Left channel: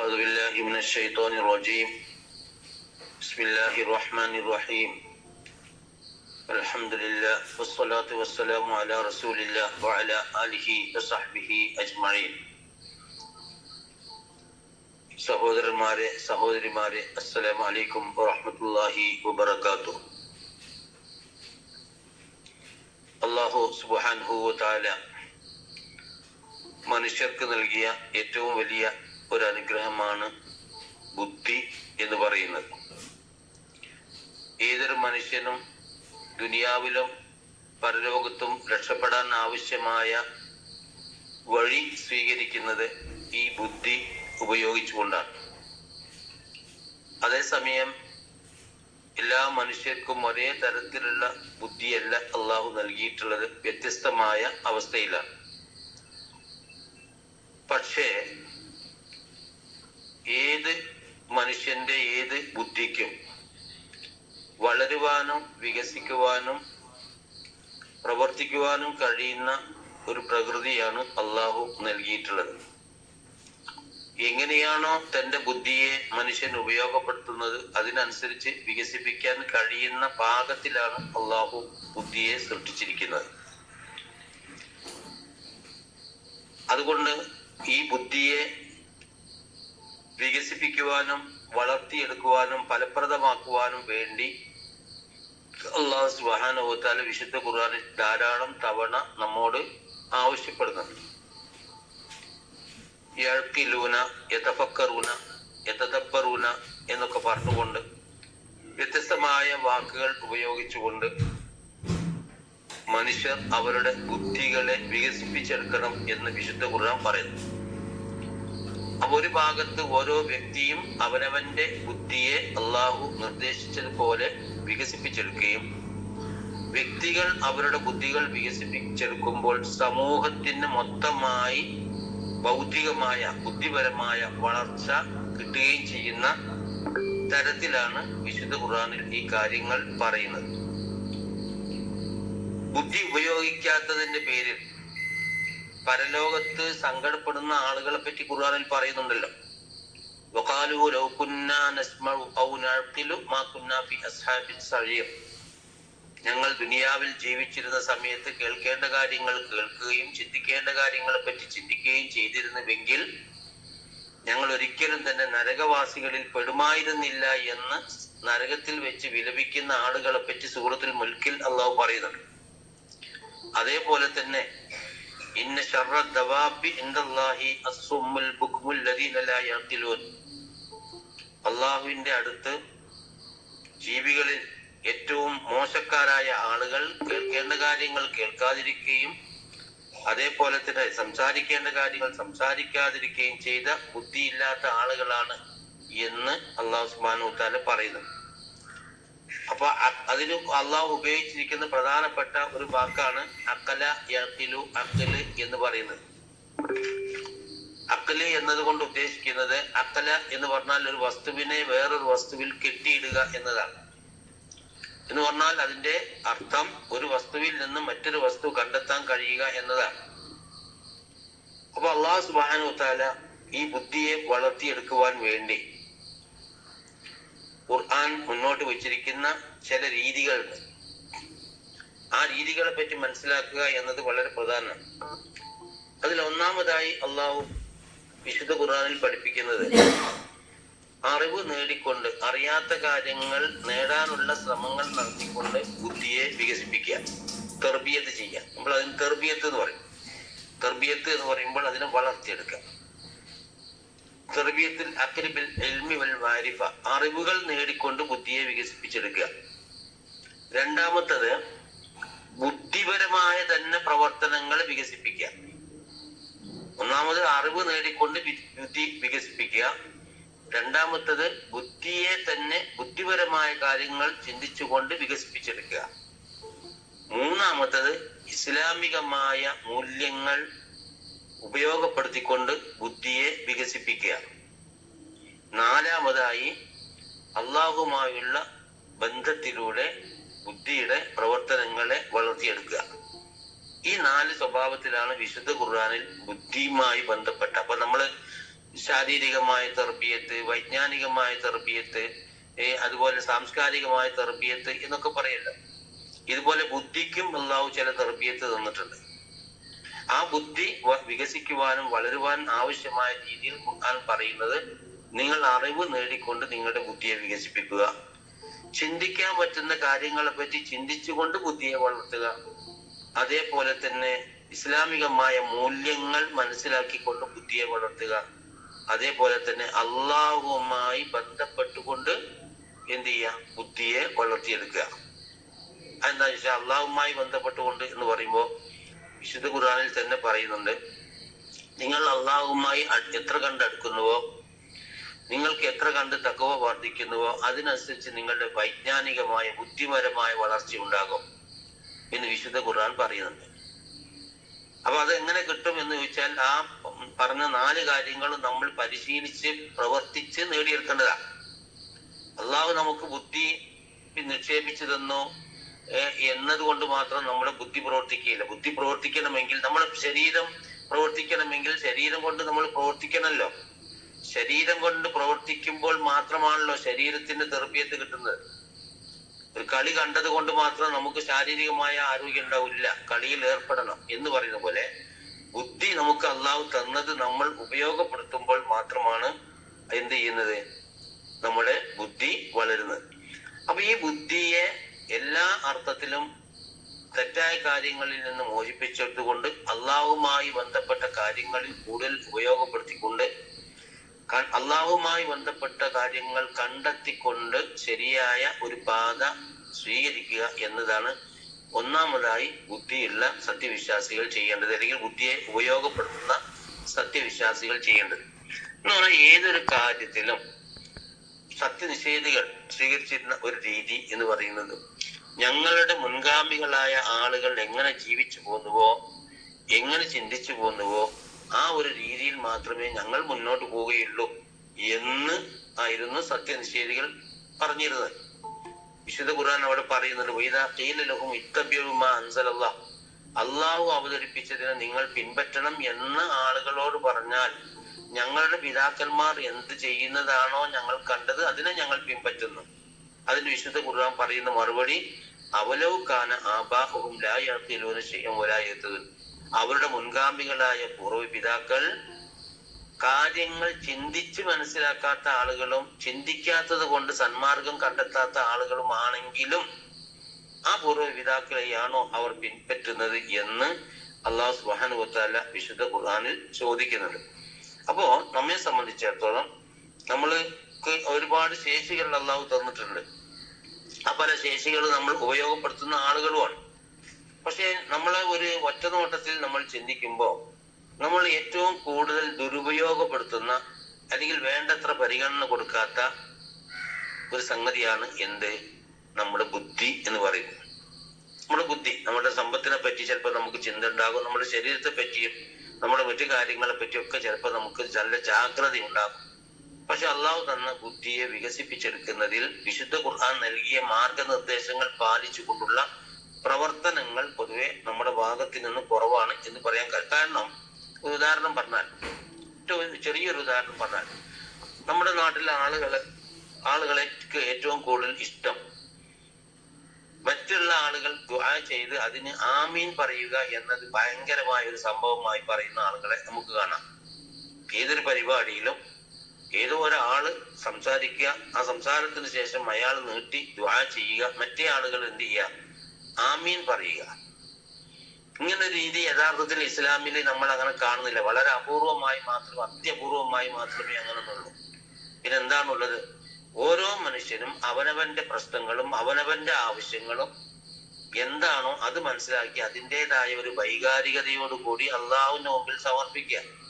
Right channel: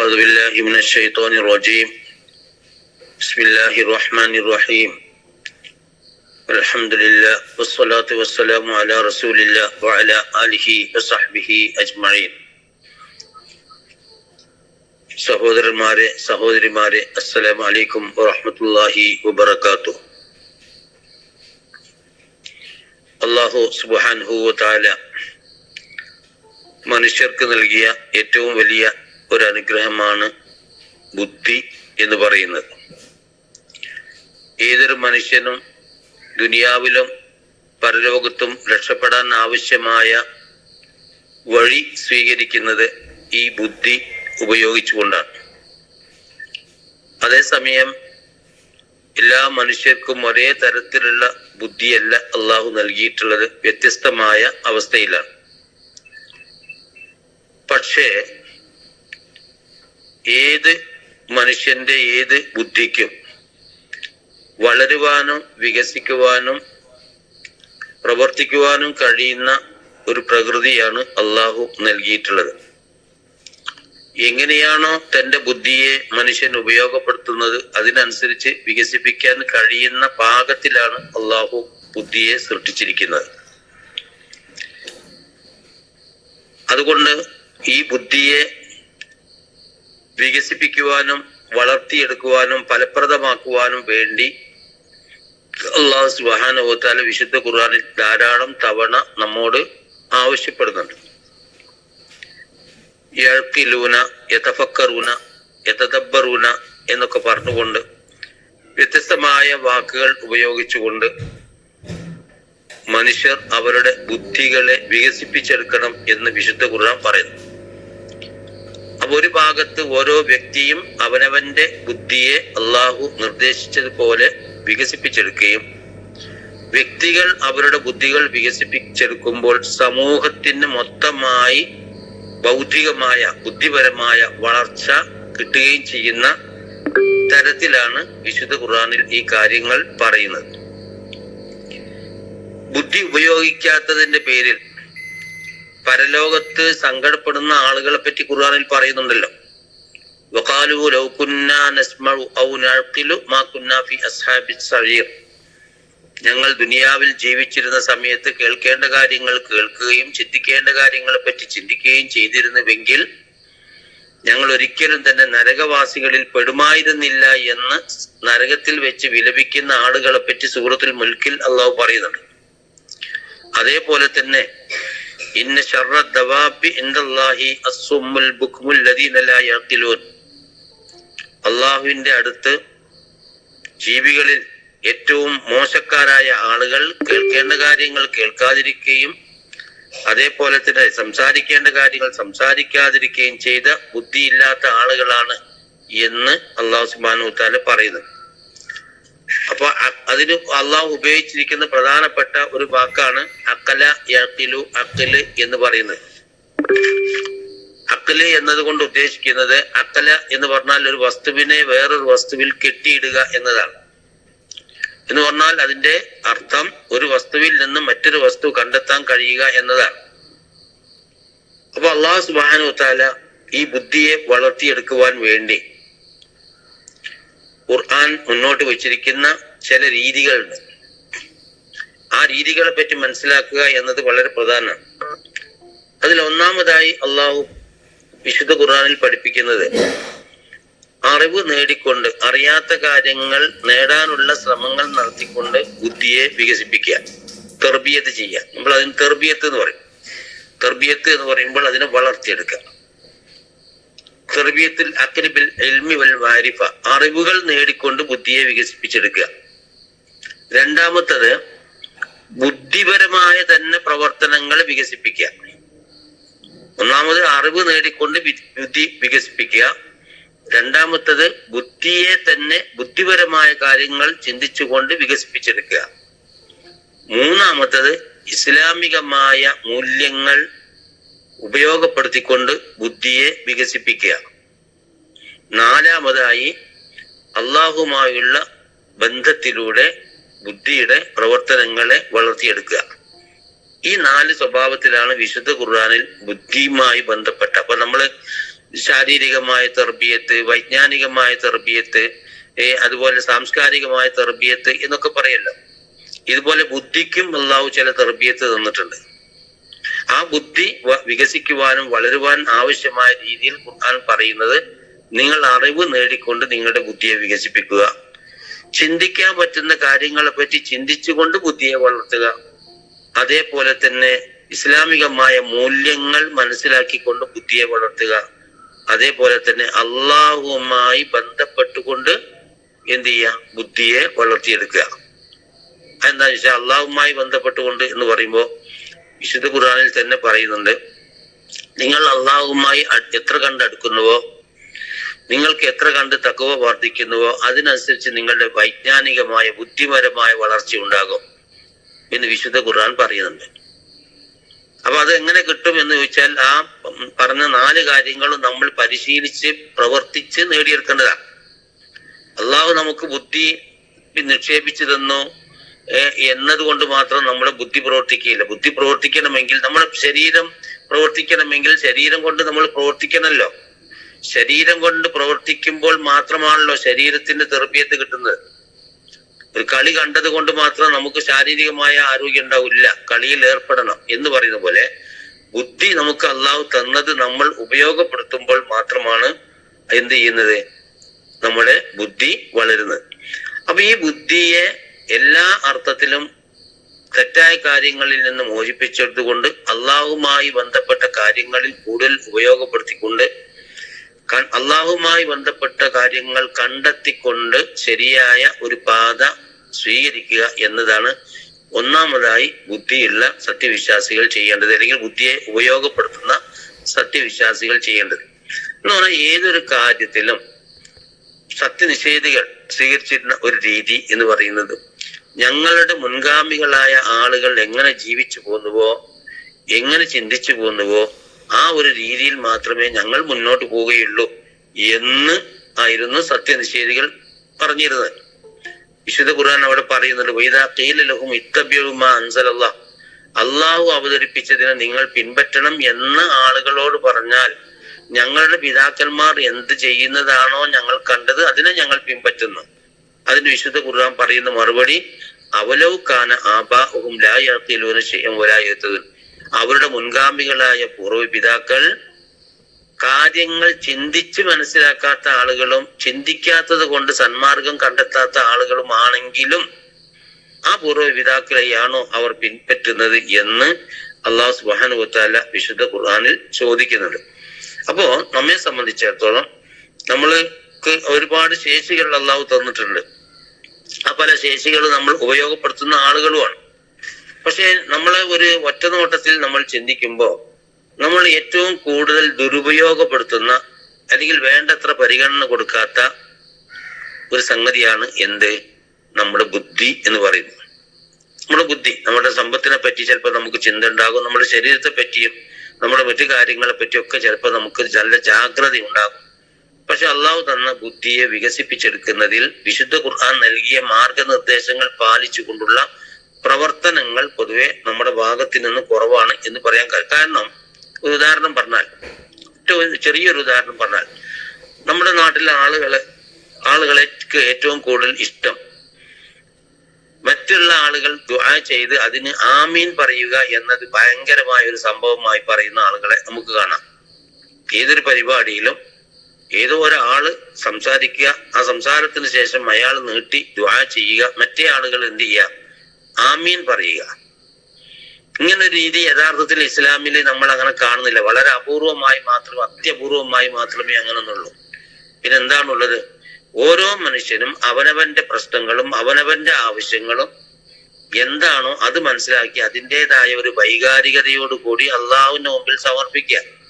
أعوذ بالله من الشيطان الرجيم بسم الله الرحمن الرحيم الحمد لله والصلاة والسلام على رسول الله وعلى آله وصحبه أجمعين സഹോദരന്മാരെ സഹോദരിമാരെ അസ്സലാമു അലൈക്കും വറഹ്മത്തുള്ളാഹി വബറകാതുഹു അല്ലാഹു സുബ്ഹാനഹു വതആല മനുഷ്യർക്ക് നൽകിയ ഏറ്റവും വലിയ ഒരു അനുഗ്രഹമാണ് ബുദ്ധി എന്ന് പറയുന്നത്. ഏതൊരു മനുഷ്യനും ദുനിയാവിലും പരലോകത്തും രക്ഷപ്പെടാൻ ആവശ്യമായ വഴി സ്വീകരിക്കുന്നത് ഈ ബുദ്ധി ഉപയോഗിച്ചുകൊണ്ടാണ്. അതേസമയം എല്ലാ മനുഷ്യർക്കും ഒരേ തരത്തിലുള്ള ബുദ്ധിയല്ല അള്ളാഹു നൽകിയിട്ടുള്ളത് വ്യത്യസ്തമായ അവസ്ഥയിലാണ്. പക്ഷേ ഏത് മനുഷ്യന്റെ ഏത് ബുദ്ധിക്കും വളരുവാനും വികസിക്കുവാനും പ്രവർത്തിക്കുവാനും കഴിയുന്ന ഒരു പ്രകൃതിയാണ് അള്ളാഹു നൽകിയിട്ടുള്ളത്. എങ്ങനെയാണോ തന്റെ ബുദ്ധിയെ മനുഷ്യൻ ഉപയോഗപ്പെടുത്തുന്നത് അതിനനുസരിച്ച് വികസിപ്പിക്കാൻ കഴിയുന്ന പാകത്തിലാണ് അള്ളാഹു ബുദ്ധിയെ സൃഷ്ടിച്ചിരിക്കുന്നത്. അതുകൊണ്ട് ഈ ബുദ്ധിയെ വികസിപ്പിക്കുവാനും വളർത്തിയെടുക്കുവാനും ഫലപ്രദമാക്കുവാനും വേണ്ടി അള്ളാഹു സുബാനുഭവത്താല വിശുദ്ധ ഖുർആാനിൽ ധാരാളം തവണ നമ്മോട് ആവശ്യപ്പെടുന്നുണ്ട്. യഴക്കിലൂന യഥഫക്കറൂന യഥദബ്ബറൂന എന്നൊക്കെ പറഞ്ഞുകൊണ്ട് വ്യത്യസ്തമായ വാക്കുകൾ ഉപയോഗിച്ചുകൊണ്ട് മനുഷ്യർ അവരുടെ ബുദ്ധികളെ വികസിപ്പിച്ചെടുക്കണം എന്ന് വിശുദ്ധ ഖുർആൻ പറയുന്നു. ഒരു ഭാഗത്ത് ഓരോ വ്യക്തിയും അവനവന്റെ ബുദ്ധിയെ അള്ളാഹു നിർദ്ദേശിച്ചതുപോലെ വികസിപ്പിച്ചെടുക്കുകയും വ്യക്തികൾ അവരുടെ ബുദ്ധികൾ വികസിപ്പിച്ചെടുക്കുമ്പോൾ സമൂഹത്തിന് മൊത്തമായി ബൗദ്ധികമായ ബുദ്ധിപരമായ വളർച്ച കിട്ടുകയും ചെയ്യുന്ന തരത്തിലാണ് വിശുദ്ധ ഖുർആനിൽ ഈ കാര്യങ്ങൾ പറയുന്നത്. ബുദ്ധി ഉപയോഗിക്കാത്തതിന്റെ പേരിൽ പരലോകത്ത് സങ്കടപ്പെടുന്ന ആളുകളെ പറ്റി ഖുർആനിൽ പറയുന്നുണ്ടല്ലോ. ഞങ്ങൾ ദുനിയാവിൽ ജീവിച്ചിരുന്ന സമയത്ത് കേൾക്കേണ്ട കാര്യങ്ങൾ കേൾക്കുകയും ചിന്തിക്കേണ്ട കാര്യങ്ങളെ പറ്റി ചിന്തിക്കുകയും ചെയ്തിരുന്നുവെങ്കിൽ ഞങ്ങൾ ഒരിക്കലും തന്നെ നരകവാസികളിൽ പെടുമായിരുന്നില്ല എന്ന് നരകത്തിൽ വെച്ച് വിലപിക്കുന്ന ആളുകളെ പറ്റി സൂറത്തുൽ മുൽക്കിൽ അള്ളാഹു പറയുന്നുണ്ട്. അതേപോലെ തന്നെ ഇന്ന ദവാബി ലാ അള്ളാഹുവിന്റെ അടുത്ത് ജീവികളിൽ ഏറ്റവും മോശക്കാരായ ആളുകൾ കേൾക്കേണ്ട കാര്യങ്ങൾ കേൾക്കാതിരിക്കുകയും അതേപോലെ തന്നെ സംസാരിക്കേണ്ട കാര്യങ്ങൾ സംസാരിക്കാതിരിക്കുകയും ചെയ്ത ബുദ്ധിയില്ലാത്ത ആളുകളാണ് എന്ന് അള്ളാഹു സുബാനു താല പറയുന്നത് അപ്പൊ അതിന് അള്ളാഹു ഉപയോഗിച്ചിരിക്കുന്ന പ്രധാനപ്പെട്ട ഒരു വാക്കാണ് അക്കല യക്കിലു അക്കൽ എന്ന് പറയുന്നത്. അക്കൽ എന്നതുകൊണ്ട് ഉദ്ദേശിക്കുന്നത് അക്കല എന്ന് പറഞ്ഞാൽ ഒരു വസ്തുവിനെ വേറൊരു വസ്തുവിൽ കെട്ടിയിടുക എന്നതാണ്. എന്ന് പറഞ്ഞാൽ അതിന്റെ അർത്ഥം ഒരു വസ്തുവിൽ നിന്ന് മറ്റൊരു വസ്തു കണ്ടെത്താൻ കഴിയുക എന്നതാണ്. അപ്പൊ അള്ളാഹു സുബാനു താല ഈ ബുദ്ധിയെ വളർത്തിയെടുക്കുവാൻ വേണ്ടി ഖുർആൻ മുന്നോട്ട് വെച്ചിരിക്കുന്ന ചില രീതികളുണ്ട്. ആ രീതികളെ പറ്റി മനസ്സിലാക്കുക എന്നത് വളരെ പ്രധാനമാണ്. അതിൽ ഒന്നാമതായി അള്ളാഹു വിശുദ്ധ ഖുർആനിൽ പഠിപ്പിക്കുന്നത് അറിവ് നേടിക്കൊണ്ട് അറിയാത്ത കാര്യങ്ങൾ നേടാനുള്ള ശ്രമങ്ങൾ നടത്തിക്കൊണ്ട് ബുദ്ധിയെ വികസിപ്പിക്കുക തെർബിയത്ത് ചെയ്യുക. നമ്മൾ അതിന് തെർബിയത്ത് എന്ന് പറയും. തെർബിയത്ത് എന്ന് പറയുമ്പോൾ അതിനെ വളർത്തിയെടുക്കുക. തെർബിയത്തിൽ അക്രിബിൽ എൽമി വൽ വാരിഫ. അറിവുകൾ നേടിക്കൊണ്ട് ബുദ്ധിയെ വികസിപ്പിച്ചെടുക്കുക. രണ്ടാമത്തത് ബുദ്ധിപരമായ തന്നെ പ്രവർത്തനങ്ങൾ വികസിപ്പിക്കുക. ഒന്നാമത് അറിവ് നേടിക്കൊണ്ട് ബുദ്ധി വികസിപ്പിക്കുക. രണ്ടാമത്തത് ബുദ്ധിയെ തന്നെ ബുദ്ധിപരമായ കാര്യങ്ങൾ ചിന്തിച്ചുകൊണ്ട് വികസിപ്പിച്ചെടുക്കുക. മൂന്നാമത്തത് ഇസ്ലാമികമായ മൂല്യങ്ങൾ ഉപയോഗപ്പെടുത്തിക്കൊണ്ട് ബുദ്ധിയെ വികസിപ്പിക്കുക. നാലാമതായി അള്ളാഹുമായുള്ള ബന്ധത്തിലൂടെ ബുദ്ധിയുടെ പ്രവർത്തനങ്ങളെ വളർത്തിയെടുക്കുക. ഈ നാല് സ്വഭാവത്തിലാണ് വിശുദ്ധ ഖുർആാനിൽ ബുദ്ധിയുമായി ബന്ധപ്പെട്ട. അപ്പൊ നമ്മൾ ശാരീരികമായ തെർബിയത്ത് വൈജ്ഞാനികമായ തെർബിയത്ത് അതുപോലെ സാംസ്കാരികമായ തെർബിയത്ത് എന്നൊക്കെ പറയല്ലോ. ഇതുപോലെ ബുദ്ധിക്കും അള്ളാഹു ചില തെർബിയത്ത് തന്നിട്ടുണ്ട്. ആ ബുദ്ധി വികസിക്കുവാനും വളരുവാൻ ആവശ്യമായ രീതിയിൽ ഖുർആൻ പറയുന്നത് നിങ്ങൾ അറിവ് നേടിക്കൊണ്ട് നിങ്ങളുടെ ബുദ്ധിയെ വികസിപ്പിക്കുക. ചിന്തിക്കാൻ പറ്റുന്ന കാര്യങ്ങളെ പറ്റി ചിന്തിച്ചുകൊണ്ട് ബുദ്ധിയെ വളർത്തുക. അതേപോലെ തന്നെ ഇസ്ലാമികമായ മൂല്യങ്ങൾ മനസ്സിലാക്കിക്കൊണ്ട് ബുദ്ധിയെ വളർത്തുക. അതേപോലെ തന്നെ അള്ളാഹുമായി ബന്ധപ്പെട്ടുകൊണ്ട് എന്ത് ചെയ്യുക? ബുദ്ധിയെ വളർത്തിയെടുക്കുക. എന്താ വെച്ചാൽ അള്ളാഹുമായി ബന്ധപ്പെട്ടുകൊണ്ട് എന്ന് പറയുമ്പോൾ വിശുദ്ധ ഖുർആനിൽ തന്നെ പറയുന്നുണ്ട് നിങ്ങൾ അള്ളാഹുമായി എത്ര എത്ര കണ്ടടുക്കുന്നുവോ നിങ്ങൾക്ക് എത്ര കണ്ട് തക്കവ വർദ്ധിക്കുന്നുവോ അതിനനുസരിച്ച് നിങ്ങളുടെ വൈജ്ഞാനികമായ ബുദ്ധിപരമായ വളർച്ച ഉണ്ടാകും എന്ന് വിശുദ്ധ ഖുർആൻ പറയുന്നുണ്ട്. അപ്പൊ അത് എങ്ങനെ കിട്ടും എന്ന് ചോദിച്ചാൽ ആ പറഞ്ഞ നാല് കാര്യങ്ങളും നമ്മൾ പരിശീലിച്ച് പ്രവർത്തിച്ച് നേടിയെടുക്കേണ്ടതാണ്. അള്ളാഹു നമുക്ക് ബുദ്ധി നിക്ഷേപിച്ചു തന്നു എന്നതുകൊണ്ട് മാത്രം നമ്മുടെ ബുദ്ധി പ്രവർത്തിക്കുകയില്ല. ബുദ്ധി പ്രവർത്തിക്കണമെങ്കിൽ നമ്മുടെ ശരീരം പ്രവർത്തിക്കണമെങ്കിൽ ശരീരം കൊണ്ട് നമ്മൾ പ്രവർത്തിക്കണമല്ലോ ശരീരം കൊണ്ട് പ്രവർത്തിക്കുമ്പോൾ മാത്രമാണല്ലോ ശരീരത്തിന്റെ തെറപ്പിയത്ത് കിട്ടുന്നത്. ഒരു കളി കണ്ടത് കൊണ്ട് മാത്രം നമുക്ക് ശാരീരികമായ ആരോഗ്യം ഉണ്ടാവില്ല. കളിയിൽ ഏർപ്പെടണം എന്ന് പറയുന്ന പോലെ ബുദ്ധി നമുക്ക് അള്ളാഹു തന്നത് നമ്മൾ ഉപയോഗപ്പെടുത്തുമ്പോൾ മാത്രമാണ് എന്ത് ചെയ്യുന്നത്? നമ്മുടെ ബുദ്ധി വളരുന്നത്. അപ്പൊ ഈ ബുദ്ധിയെ എല്ലാ അർത്ഥത്തിലും തെറ്റായ കാര്യങ്ങളിൽ നിന്ന് മോചിപ്പിച്ചെടുത്തുകൊണ്ട് അള്ളാഹുമായി ബന്ധപ്പെട്ട കാര്യങ്ങളിൽ കൂടുതൽ ഉപയോഗപ്പെടുത്തിക്കൊണ്ട് അള്ളാഹുമായി ബന്ധപ്പെട്ട കാര്യങ്ങൾ കണ്ടെത്തിക്കൊണ്ട് ശരിയായ ഒരു പാത സ്വീകരിക്കുക എന്നതാണ് ഒന്നാമതായി ബുദ്ധിയുള്ള സത്യവിശ്വാസികൾ ചെയ്യേണ്ടത് അല്ലെങ്കിൽ ബുദ്ധിയെ ഉപയോഗപ്പെടുത്തുന്ന സത്യവിശ്വാസികൾ ചെയ്യേണ്ടത്. എന്ന് പറഞ്ഞാൽ ഏതൊരു കാര്യത്തിലും സത്യനിഷേധികൾ സ്വീകരിച്ചിരുന്ന ഒരു രീതി എന്ന് പറയുന്നത് ഞങ്ങളുടെ മുൻഗാമികളായ ആളുകൾ എങ്ങനെ ജീവിച്ചു പോന്നുവോ എങ്ങനെ ചിന്തിച്ചു പോന്നുവോ ആ ഒരു രീതിയിൽ മാത്രമേ ഞങ്ങൾ മുന്നോട്ട് പോവുകയുള്ളൂ എന്ന് ആയിരുന്നു സത്യനിഷേധികൾ പറഞ്ഞിരുന്നത്. വിശുദ്ധ ഖുർആൻ അവിടെ പറയുന്നുണ്ട് വൈദാ ഖീല ലഹും ഇത്തബ്യുമാ അൻസലല്ലാ അള്ളാഹു അവതരിപ്പിച്ചതിനെ നിങ്ങൾ പിൻപറ്റണം എന്ന് ആളുകളോട് പറഞ്ഞാൽ ഞങ്ങളുടെ പിതാക്കന്മാർ എന്ത് ചെയ്യുന്നതാണോ ഞങ്ങൾ കണ്ടത് അതിനെ ഞങ്ങൾ പിൻപറ്റുന്നു. അതിന് വിശുദ്ധ ഖുർആൻ പറയുന്ന മറുപടി അവലോകാന ആബാഹും ലായത്തിലൂന ചെയ്യും ഒരായത് അവരുടെ മുൻഗാമികളായ പൂർവ പിതാക്കൾ കാര്യങ്ങൾ ചിന്തിച്ച് മനസ്സിലാക്കാത്ത ആളുകളും ചിന്തിക്കാത്തത് കൊണ്ട് സന്മാർഗം കണ്ടെത്താത്ത ആളുകളും ആണെങ്കിലും ആ പൂർവ പിതാക്കളെയാണോ അവർ പിൻപറ്റുന്നത് എന്ന് അള്ളാഹു സുബാനുവത്താല വിശുദ്ധ ഖുർആാനിൽ ചോദിക്കുന്നുണ്ട്. അപ്പോ നമ്മെ സംബന്ധിച്ചിടത്തോളം നമ്മൾക്ക് ഒരുപാട് ശേഷികൾ അള്ളാഹു തന്നിട്ടുണ്ട്. ആ പല ശേഷികൾ നമ്മൾ ഉപയോഗപ്പെടുത്തുന്ന ആളുകളുമാണ്. പക്ഷെ നമ്മളെ ഒരു ഒറ്റ നോട്ടത്തിൽ നമ്മൾ ചിന്തിക്കുമ്പോൾ നമ്മൾ ഏറ്റവും കൂടുതൽ ദുരുപയോഗപ്പെടുത്തുന്ന അല്ലെങ്കിൽ വേണ്ടത്ര പരിഗണന കൊടുക്കാത്ത ഒരു സംഗതിയാണ് എന്ത്? നമ്മുടെ ബുദ്ധി എന്ന് പറയുന്നത്. നമ്മുടെ ബുദ്ധി നമ്മുടെ സമ്പത്തിനെ പറ്റി ചിലപ്പോൾ നമുക്ക് ചിന്ത ഉണ്ടാകും നമ്മുടെ ശരീരത്തെ പറ്റിയും നമ്മുടെ മറ്റു കാര്യങ്ങളെ പറ്റിയൊക്കെ ചിലപ്പോൾ നമുക്ക് നല്ല ജാഗ്രത ഉണ്ടാകും. പക്ഷെ അള്ളാഹു തന്ന ബുദ്ധിയെ വികസിപ്പിച്ചെടുക്കുന്നതിൽ വിശുദ്ധ ഖുർആൻ നൽകിയ മാർഗനിർദ്ദേശങ്ങൾ പാലിച്ചുകൊണ്ടുള്ള പ്രവർത്തനങ്ങൾ പൊതുവെ നമ്മുടെ ഭാഗത്തിൽ നിന്ന് കുറവാണ് എന്ന് പറയാൻ കാരണം ഒരു ഉദാഹരണം പറഞ്ഞാൽ ചെറിയൊരു ഉദാഹരണം പറഞ്ഞാൽ നമ്മുടെ നാട്ടിലെ ആളുകളെ ആളുകളെ ഏറ്റവും കൂടുതൽ ഇഷ്ടം മറ്റുള്ള ആളുകൾ ദുആ ചെയ്ത് അതിന് ആമീൻ പറയുക എന്നത് ഭയങ്കരമായ ഒരു സംഭവമായി പറയുന്ന ആളുകളെ നമുക്ക് കാണാം. ഏതൊരു പരിപാടിയിലും ഏതോ ഒരാൾ സംസാരിക്കുക ആ സംസാരത്തിന് ശേഷം അയാൾ നീട്ടി ദ്വാ ചെയ്യുക മറ്റേ ആളുകൾ എന്ത് ചെയ്യുക? ആമീൻ പറയുക. ഇങ്ങനെ ഒരു രീതി യഥാർത്ഥത്തിൽ ഇസ്ലാമിൽ നമ്മൾ അങ്ങനെ കാണുന്നില്ല. വളരെ അപൂർവമായി മാത്രം അത്യപൂർവമായി മാത്രമേ അങ്ങനെയുള്ളൂ പിന്നെ എന്താണുള്ളത് ഓരോ മനുഷ്യനും അവനവന്റെ പ്രശ്നങ്ങളും അവനവന്റെ ആവശ്യങ്ങളും എന്താണോ അത് മനസ്സിലാക്കി അതിന്റെതായ ഒരു വൈകാരികതയോടുകൂടി അള്ളാഹുവിന്റെ മുമ്പിൽ സമർപ്പിക്കുക.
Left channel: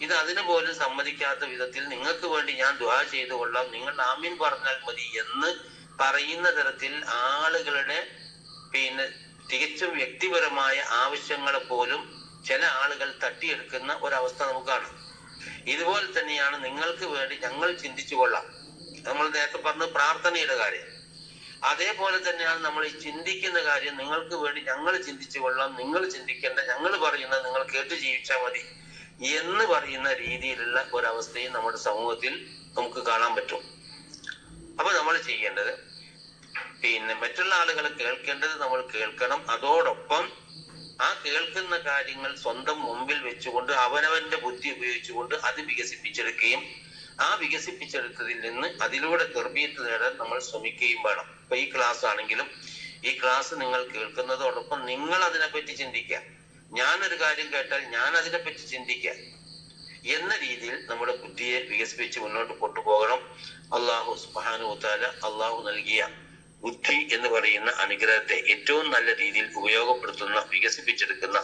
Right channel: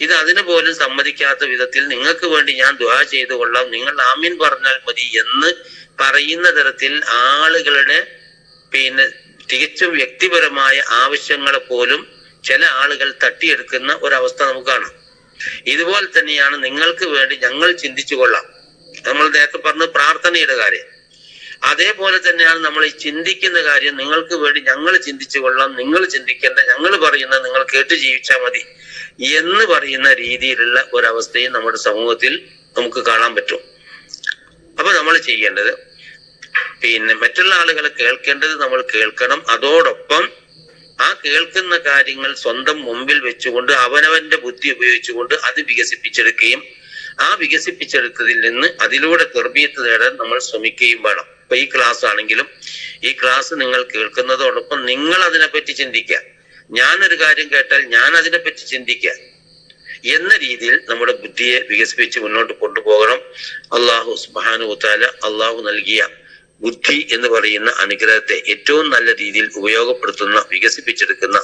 ഇത് അതിന് പോലും സമ്മതിക്കാത്ത വിധത്തിൽ നിങ്ങൾക്ക് വേണ്ടി ഞാൻ ദുആ ചെയ്തു കൊള്ളാം. നിങ്ങൾ ആമീൻ പറഞ്ഞാൽ മതി എന്ന് പറയുന്ന തരത്തിൽ ആളുകളുടെ പിന്നെ തികച്ചും വ്യക്തിപരമായ ആവശ്യങ്ങളെ പോലും ചില ആളുകൾ തട്ടിയെടുക്കുന്ന ഒരവസ്ഥ നമുക്ക് കാണാം. ഇതുപോലെ തന്നെയാണ് നിങ്ങൾക്ക് വേണ്ടി ഞങ്ങൾ ചിന്തിച്ചു കൊള്ളാം. നമ്മൾ നേരത്തെ പറഞ്ഞ പ്രാർത്ഥനയുടെ കാര്യം. അതേപോലെ തന്നെയാണ് നമ്മൾ ഈ ചിന്തിക്കുന്ന കാര്യം. നിങ്ങൾക്ക് വേണ്ടി ഞങ്ങൾ ചിന്തിച്ചു കൊള്ളാം. നിങ്ങൾ ചിന്തിക്കേണ്ട ഞങ്ങൾ പറയുന്നത് നിങ്ങൾ കേട്ട് ജീവിച്ചാൽ മതി. എന്ന് പറയുന്ന രീതിയിലുള്ള ഒരവസ്ഥയും നമ്മുടെ സമൂഹത്തിൽ നമുക്ക് കാണാൻ പറ്റും. അപ്പൊ നമ്മൾ ചെയ്യേണ്ടത് പിന്നെ മറ്റുള്ള ആളുകളെ കേൾക്കേണ്ടത് നമ്മൾ കേൾക്കണം. അതോടൊപ്പം ആ കേൾക്കുന്ന കാര്യങ്ങൾ സ്വന്തം മുമ്പിൽ വെച്ചുകൊണ്ട് അവനവന്റെ ബുദ്ധി ഉപയോഗിച്ചുകൊണ്ട് അത് വികസിപ്പിച്ചെടുക്കുകയും ആ വികസിപ്പിച്ചെടുത്തതിൽ നിന്ന് അതിലൂടെ ഗർഭീയത്ത് നേടാൻ നമ്മൾ ശ്രമിക്കുകയും വേണം. ഇപ്പൊ ഈ ക്ലാസ് ആണെങ്കിലും ഈ ക്ലാസ് നിങ്ങൾ കേൾക്കുന്നതോടൊപ്പം നിങ്ങൾ അതിനെപ്പറ്റി ചിന്തിക്കുക. ഞാനൊരു കാര്യം കേട്ടാൽ ഞാൻ അതിനെപ്പറ്റി ചിന്തിക്കുക. എന്ന രീതിയിൽ നമ്മുടെ ബുദ്ധിയെ വികസിപ്പിച്ച് മുന്നോട്ട് കൊണ്ടുപോകണം. അള്ളാഹു സുബാനു താല അള്ളാഹു നൽകിയ ബുദ്ധി എന്ന് പറയുന്ന അനുഗ്രഹത്തെ ഏറ്റവും നല്ല രീതിയിൽ ഉപയോഗപ്പെടുത്തുന്ന വികസിപ്പിച്ചെടുക്കുന്ന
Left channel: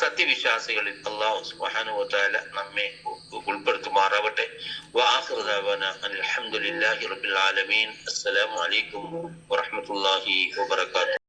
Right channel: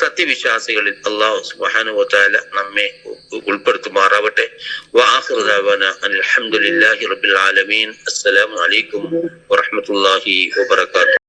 സത്യവിശ്വാസികളിൽ അള്ളാഹു സുബാനു താല നമ്മെ ഉൾപ്പെടുത്തുമാറാവട്ടെ. അലഹമുല്ലാഹി റബിൽ ആലമീൻ. അസ്സലാമു അലൈക്കും വറഹമത്തല്ലാഹി വബർക്കാത്തു